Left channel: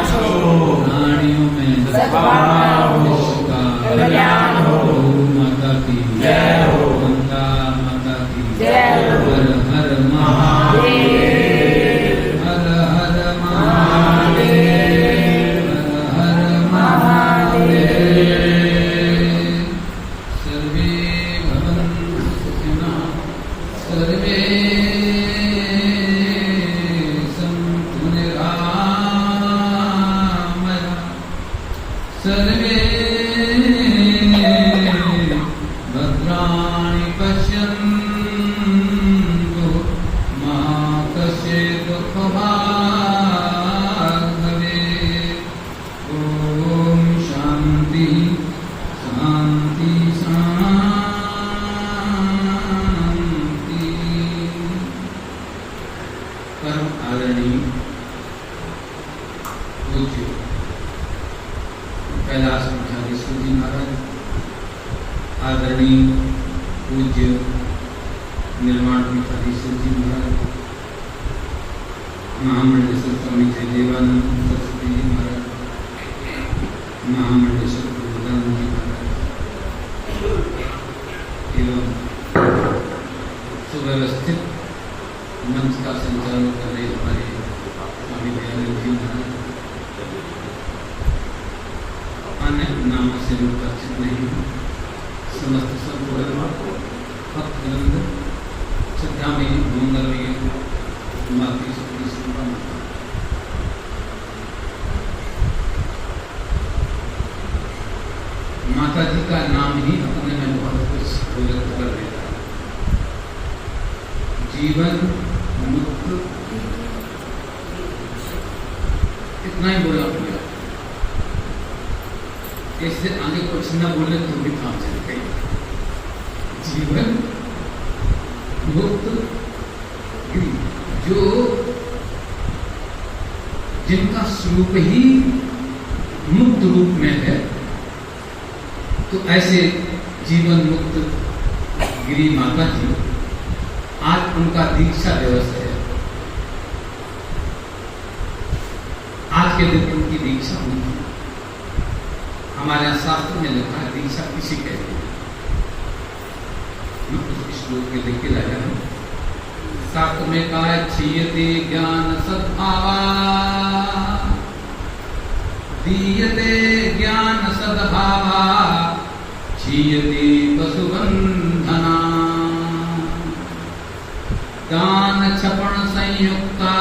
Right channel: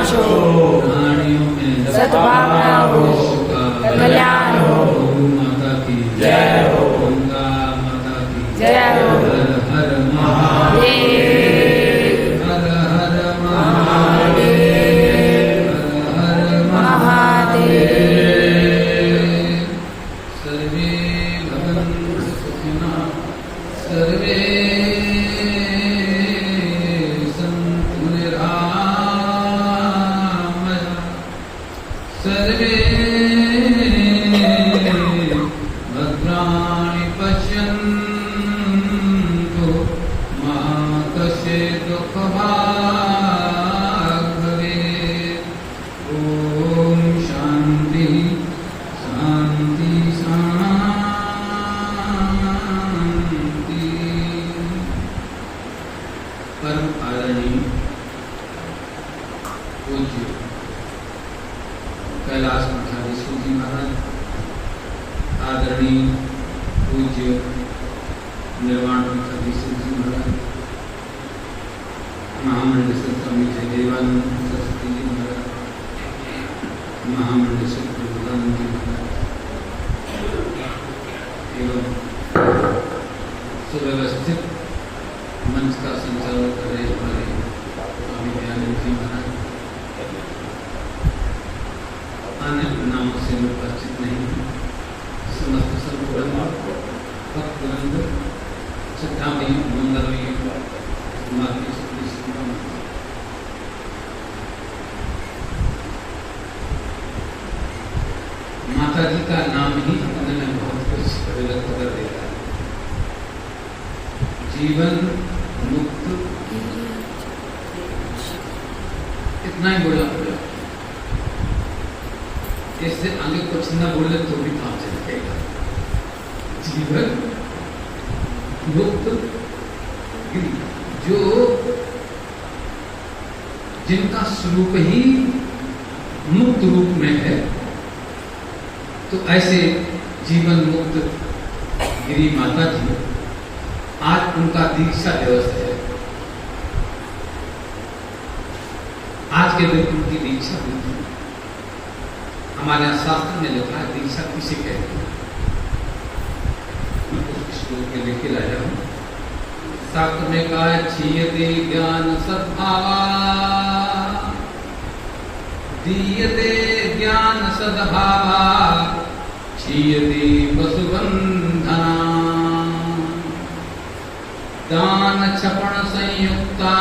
विनाश हो, प्राणियों में सद्भावना हो, विश्व का कल्याण हो। गौ माता की जय हो। गंगा माता की जय हो। हर हर महादेव, हर हर महादेव, हर हर महादेव। सर्वे भवन्तु सुखिनः, सर्वे सन्तु निरामयाः, सर्वे भद्राणि पश्यन्तु मा कश्चित् दुःखभाग् भवेत्। ॐ शान्ति शान्ति शान्ति। परम आदरणीय पूज्य कैलाश मठाधीश्वर जी महाराज, आदरणीय पूज्य निर्वाण मठाधीश्वर जी महाराज, महामंडलेश्वर स्वामी जयदेवानंद सरस्वती जी महाराज, महामंडलेश्वर प्रबोधानंद जी महाराज एवं सुव्यवस्थित मंच का संचालन कर रहे हमारे स्वामी दयानंद जी महाराज, अन्य नामों से लोग परिचित नहीं हैं, समस्त संपूर्ण भक्तवृंद, श्रद्धा में मंगलमय मातृ शक्ति सुंदर माता जी का नाम ही अपने में बहुत कुछ व्यक्त कर देता है। जीवन मुक्त, इतना ही बोला पूरा। इससे आगे कुछ न बोले तो भी काम चलेगा। जीवन मुक्त, जो जिनका स्वरूप ही मुक्त रूप में है, तो ऐसे जीवन मुक्त गिरी माता जी, आज उनका दीक्षा दिवस है। आज के दिन उनकी दीक्षा हुई। हमारे यहाँ शास्त्र में लिखा है दीक्षा किसे कहते हैं। मैं कुछ श्लोक में लेके लाया हूँ। शास्त्र में कहा है क्षीयते ज्ञान सद्भावा, दीयते ज्ञान सद्भावा, क्षीयते वसुबंधना, दान क्षपण संयुक्ता,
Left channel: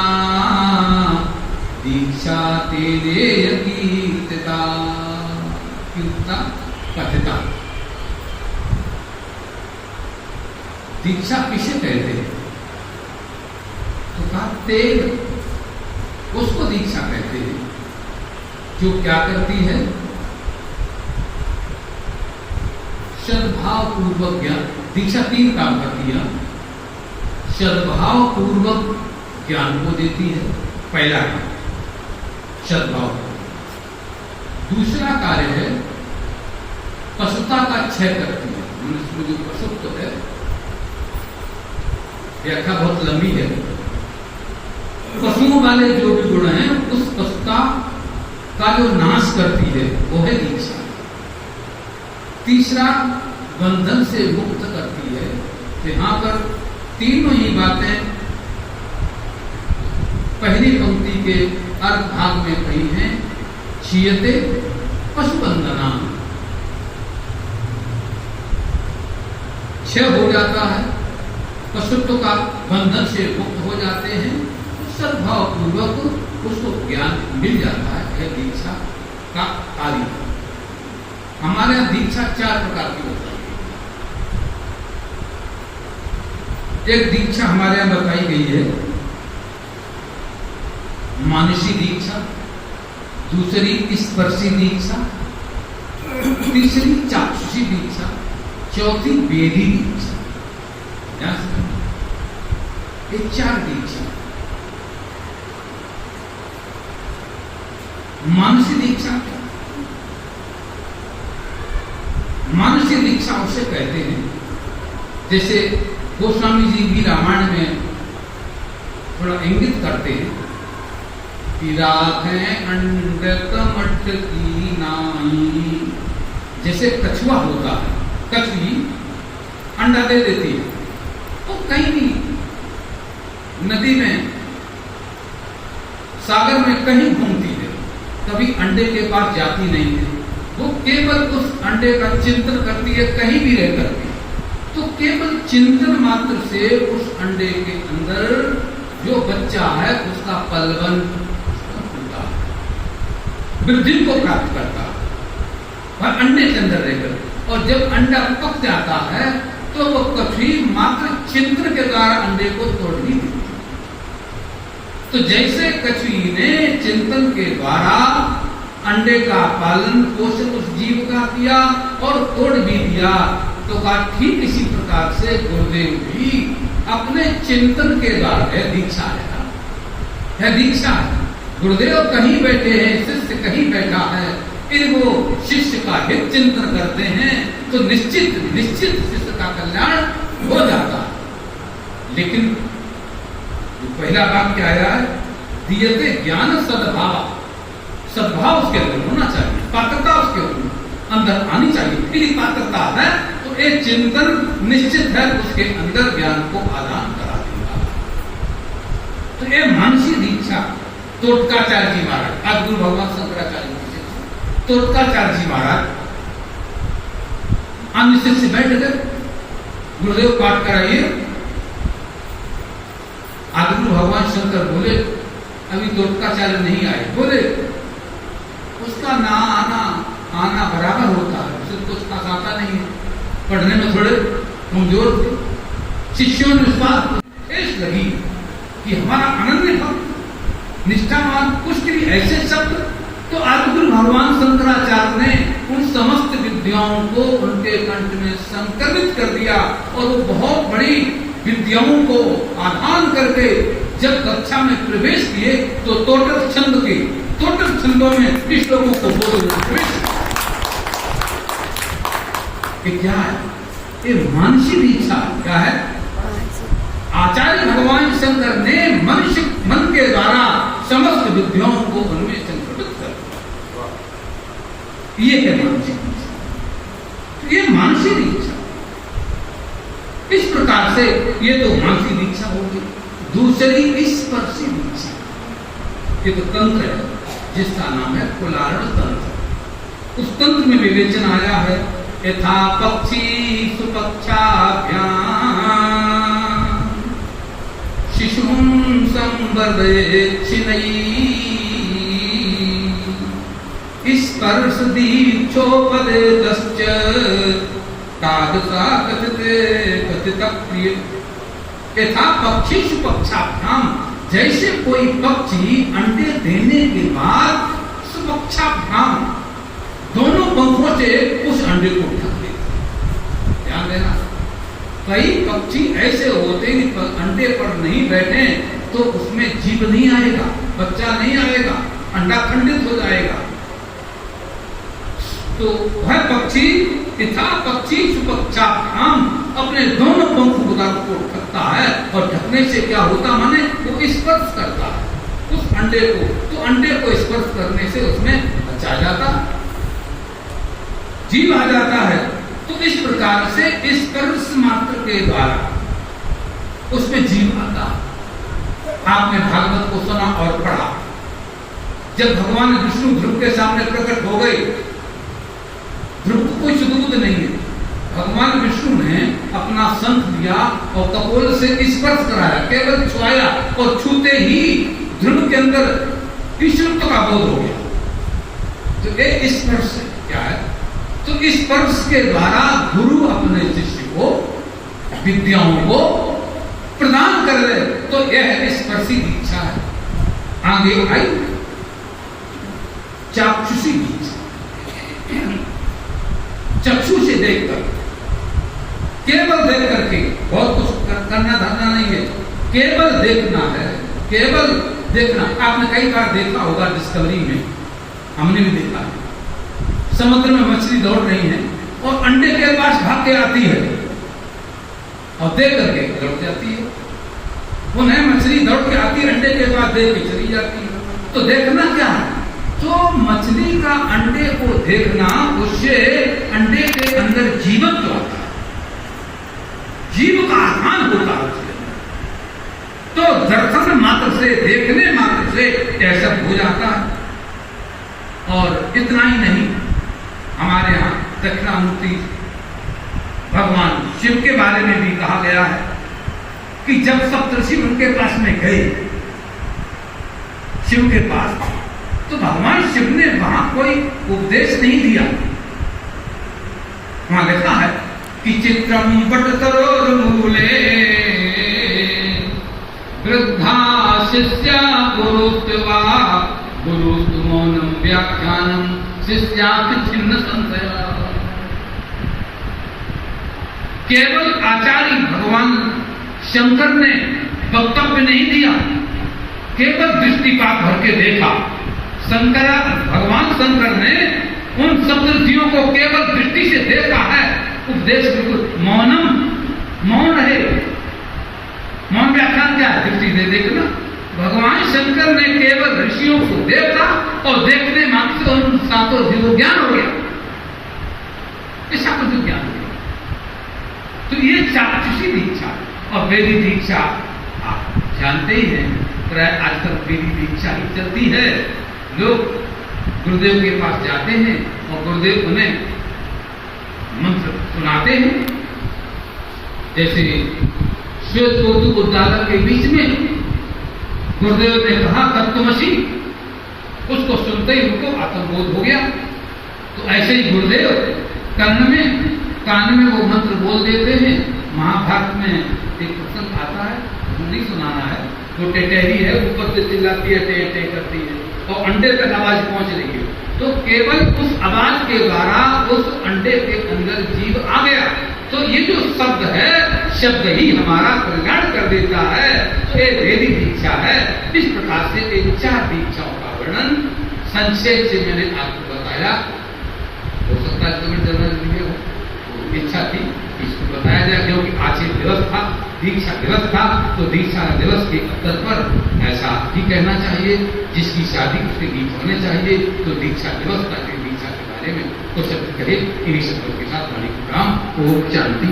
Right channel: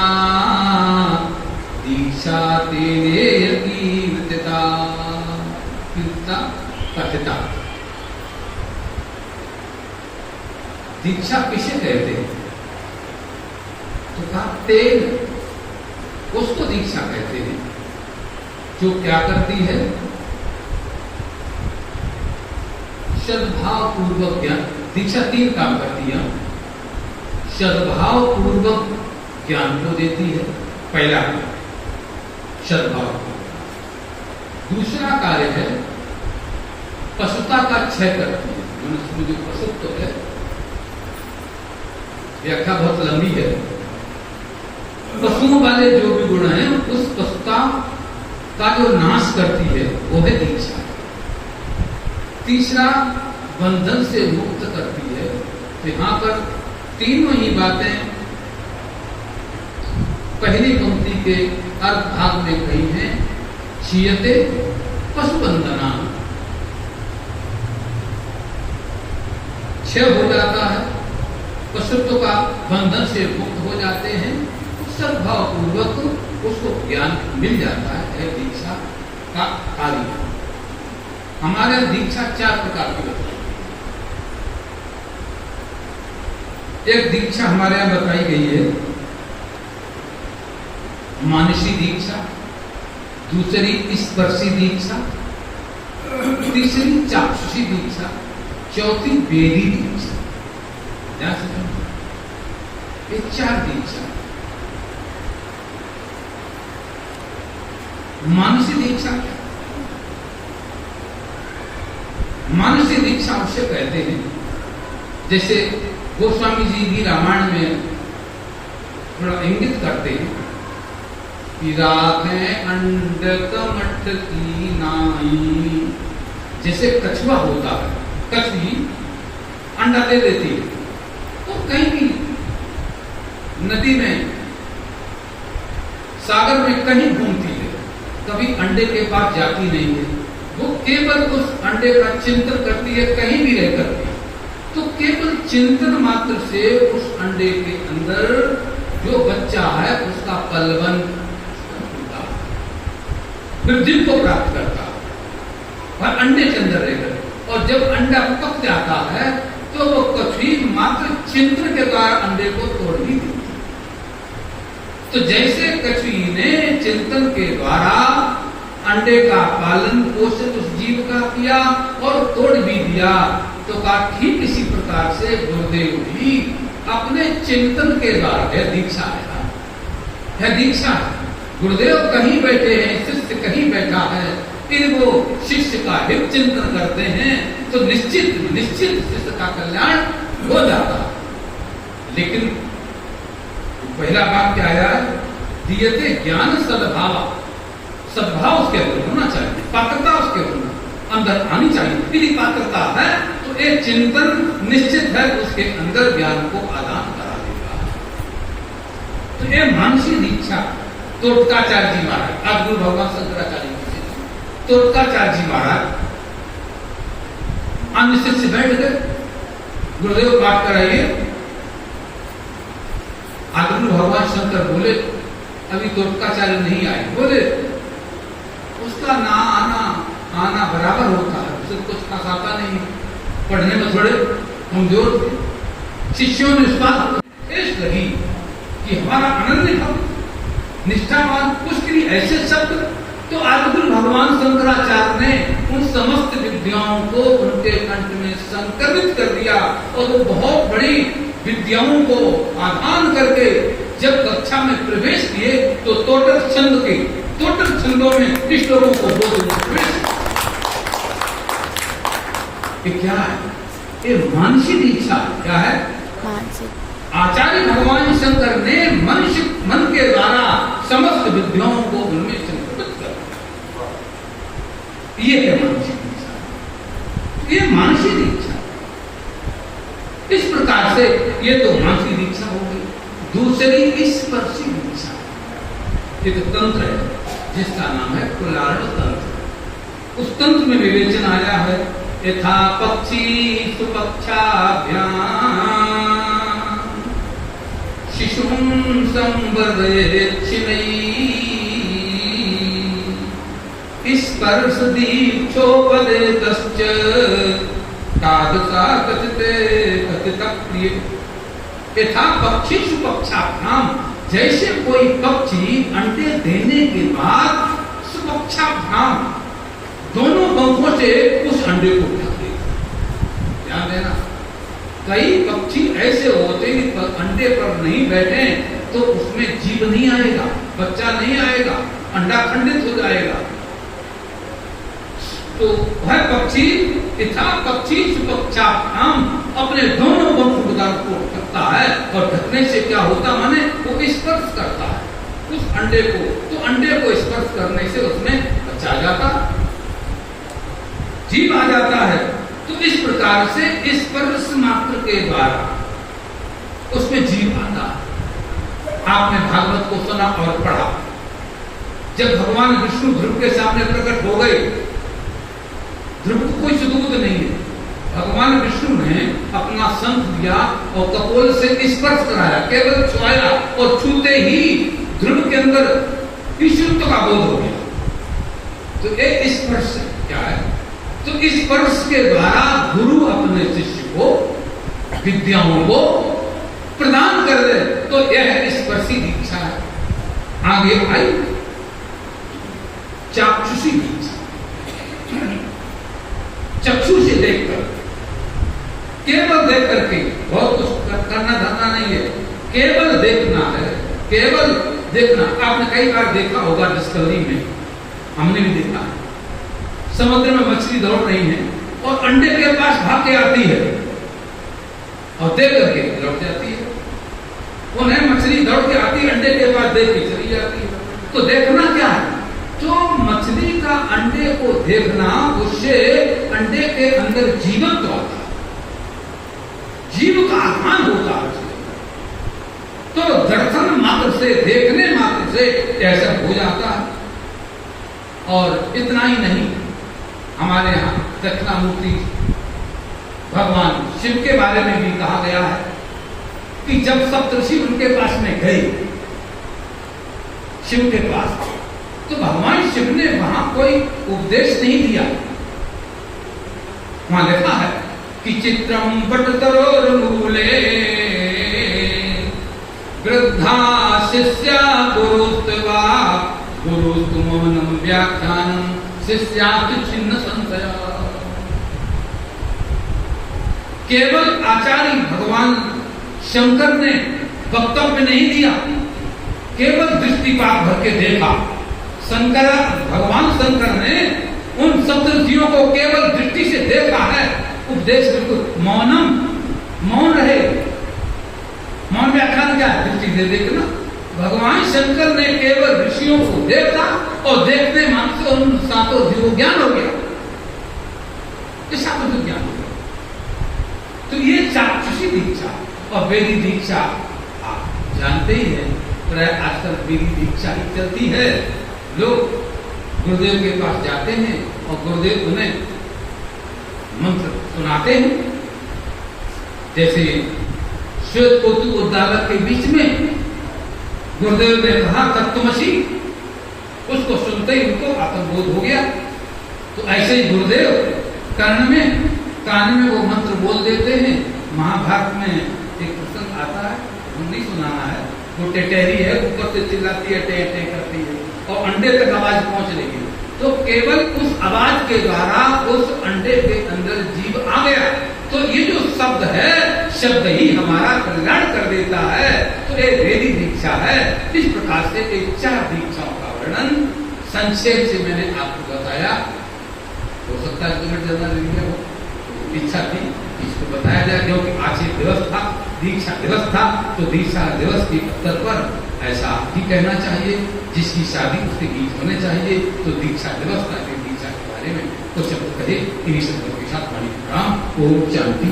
दीक्षा तेनेय कीर्तिता। कीर्तिता कथिता। दीक्षा किसे कहते हैं? तो कहा तेल, उसको दीक्षा कहते हैं जो क्या करती है? सद्भाव पूर्वक ज्ञान। दीक्षा 3 काम करती है। सद्भाव पूर्वक ज्ञान को देती है, पहला सद्भाव। दूसरा कार्य है पशुता का क्षय करती है। मनुष्य में जो पशुत्व है, व्याख्या बहुत लंबी है। पशुओं वाले जो भी गुण हैं, उस पशुता का जो नाश करती है वो है दीक्षा। तीसरा बंधन से मुक्त करती है। यहां पर तीनों ही बातें पहली पंक्ति के अर्थ भाग में कही हैं। क्षीयते पशुबंधना, क्षय हो जाता है, पशुत्व का बंधन से मुक्त हो जाते हैं। सद्भाव पूर्वक उसको ज्ञान मिल जाता है। दीक्षा का कार्य। हमारे यहाँ दीक्षा 4 प्रकार की होती है। एक दीक्षा हमारे यहाँ बताई गई है मानसी दीक्षा, दूसरी स्पर्शी दीक्षा, तीसरी चाक्षुषी दीक्षा, चौथी वेदी दीक्षा। ये 4 दीक्षा। मानसी दीक्षा क्या? मानसी दीक्षा उसे कहते हैं, जैसे गोस्वामी जी भी रामायण में थोड़ा इंगित करते हैं पिराखें अंडक मठ की नाई। जैसे कछुआ होता है, कछुई अंडा दे देती है, और कहीं भी नदी में, सागर में कहीं घूमती है, कभी अंडे के पास जाती नहीं है। वो केवल उस अंडे का चिंतन करती है, कहीं भी रह करके। तो केवल चिंतन मात्र से उस अंडे के अंदर जो बच्चा है उसका पलवन होता है, वृद्धि को प्राप्त करता है और अंडे के अंदर रहकर। और जब अंडा पक जाता है तो वो कछुई मात्र चिंतन के द्वारा अंडे को तोड़ ही देती है। तो जैसे कछुई ने चिंतन के द्वारा अंडे का पालन पोषण उस जीव का किया और तोड़ भी दिया, तो का ठीक इसी प्रकार से गुरुदेव भी अपने चिंतन के द्वारा है दीक्षा है दीक्षा है। गुरुदेव कहीं बैठे हैं, शिष्य कहीं बैठा है, फिर वो शिष्य का हित चिंतन करते हैं तो निश्चित शिष्य का कल्याण हो जाता है। लेकिन पहला बात क्या आया है, दियते ज्ञान सद्भाव, सद्भाव उसके अंदर होना चाहिए, पात्रता उसके अंदर आनी चाहिए। यदि पात्रता है तो एक चिंतन निश्चित है उसके अंदर ज्ञान को आदान करा देगा। तो ये मानसी दीक्षा तोटकाचार्य जी महाराज, आज गुरु भगवान शंकराचार्य तोटकाचार्य जी महाराज अन्य शिष्य बैठ गए, गुरुदेव पाठ कराइए। आदिगुरु भगवान शंकर बोले अभी तोटकाचार्य नहीं आए, बोले उसका ना आना बराबर होता है, उसे कुछ खास आता नहीं, पढ़ने में थोड़े कमजोर थे। शिष्यों ने इस बात ठेस लगी कि हमारा अनन्य भक्त निष्ठावान कुछ ऐसे शब्द। तो आदिगुरु भगवान शंकराचार्य ने उन समस्त विद्याओं को उनके कंठ में संकलित कर दिया और वो बहुत बड़ी विद्याओं को आधान करके जब कक्षा में प्रवेश किए तो टोटल छंदों में इस लोगों को बोध प्रवेश। ये क्या है? ये मानसिक इच्छा क्या है? आचार्य भगवान शंकर ने मनुष्य मन के द्वारा समस्त विद्याओं को उनमें संक्रमित कर दिया। ये है मानसिक इच्छा, ये मानसिक इच्छा। इस प्रकार से ये तो मानसिक इच्छा हो गई। दूसरी स्पर्शी इच्छा, ये तो तंत्र है जिसका नाम है कुलारण तंत्र। उस तंत्र में विवेचन आया है, यथा पक्षी सुपक्षाभ्याम शिशुं संवर्धयेत् स्पर्श दीक्षोपदेतश्च तादृशा कथित प्रिय। यथा पक्षी सुपक्षाभ्याम, जैसे कोई पक्षी अंडे देने के बाद सुपक्षाभ्याम दोनों पंखों से उस अंडे को ढक देता। ध्यान देना, कई पक्षी ऐसे होते हैं कि अंडे पर नहीं बैठे तो उसमें जीव नहीं आएगा, बच्चा नहीं आएगा, अंडा खंडित हो जाएगा। तो वह पक्षी यथा पक्षी सुपक्षाभ्याम अपने दोनों पंख को ढकता है, और ढकने से क्या होता, माने वो स्पर्श करता है उस अंडे को, तो अंडे को स्पर्श करने से उसमें बच्चा आ जाता, जीव आ जाता है। तो इस प्रकार से स्पर्श मात्र के द्वारा उसमें जीव आता। आपने भागवत को सुना और पढ़ा, जब भगवान विष्णु ध्रुव के सामने प्रकट हो गए, ध्रुव को कोई सुदबुद नहीं है, भगवान विष्णु ने अपना शंख दिया और कपोल से स्पर्श कराया, केवल छुआया और छूते ही ध्रुव के अंदर ईश्वरत्व का बोध हो गया। तो एक स्पर्श क्या है? तो स्पर्श के द्वारा गुरु अपने शिष्य को विद्याओं को प्रदान कर दे, तो यह स्पर्शी दीक्षा है। आगे आई चाक्षुषी दीक्षा, चक्षु से देखकर, केवल देख करके, बहुत कुछ करना धरना नहीं है, केवल देखना है, केवल देखना। आपने कई बार देखा होगा डिस्कवरी में, हमने भी देखा है, समुद्र में मछली दौड़ रही है और अंडे के पास भाग के आती है और देख करके लौट जाती है। वो नई मछली दौड़ के आती है, अंडे के पास देख के चली जाती है। तो देखना क्या है? तो मछली का अंडे को देखना, उससे अंडे के अंदर जीवत्व होता है, जीव का आधान होता है उसके अंदर। तो दर्शन मात्र से, देखने मात्र से ऐसा हो जाता है। और इतना ही नहीं, हमारे यहाँ दक्षिणामूर्ति भगवान शिव के बारे में भी कहा गया है कि जब सप्तऋषि उनके पास में गए, शिव के पास, तो भगवान शिव ने वहां कोई उपदेश नहीं दिया। वहां लिखा है कि चित्रम बटतरोर्मूले वृद्धा शिष्या गुरुत्वा गुरुस्तमोनम व्याख्यानम शिष्यापि छिन्न संशया। केवल आचार्य भगवान शंकर ने वक्तव्य नहीं दिया, केवल दृष्टिपात भर के देखा। भगवान शंकर ने उन सप्तऋषियों को केवल दृष्टि से देखा है। उपदेश बिल्कुल मौनम, मौन रहे। मौन व्याख्यान क्या है? दृष्टि से देखना। भगवान शंकर ने केवल ऋषियों को देखा और देखने मात्र से उन सातों जीवों ज्ञान हो गया, ऐसा कुछ ज्ञान हो गया। तो ये चाक्षुषी दीक्षा और वेदी दीक्षा आप जानते ही हैं, प्राय आजकल वेदी दीक्षा ही चलती है। लोग गुरुदेव के पास जाते हैं और गुरुदेव उन्हें मंत्र सुनाते हैं। जैसे श्वेत कौतुक उद्दालक के बीच में गुरुदेव ने कहा तत्त्वमसि, उसको सुनते ही उनको आत्मबोध हो गया। तो ऐसे ही गुरुदेव कान में वो मंत्र बोल देते हैं। महाभारत में एक प्रसंग आता है, नहीं सुनाना है, वो टेटहरी है, ऊपर से चिल्लाती है, टे टे करती है और अंडे तक आवाज पहुंच रही है। तो केवल उस आवाज के द्वारा उस अंडे के अंदर जीव आ गया। तो ये जो शब्द है, शब्द ही हमारा कल्याण कर देता है। तो ये वेदी दीक्षा है। इस प्रकार से एक 4 दीक्षाओं का वर्णन संक्षेप से मैंने आपको बताया। हो सकता है तुम्हें जरूर हो इच्छा थी इसको बताया जाए, क्योंकि आज ये दिवस था, दीक्षा दिवस था। तो दीक्षा दिवस के अवसर पर ऐसा ही कहना चाहिए। जिसकी शादी उसके गीत होने चाहिए। तो दीक्षा दिवस का दीक्षा के बारे में कुछ शब्द कहे, इन्हीं शब्दों के साथ वाणी का काम। ओम शांति।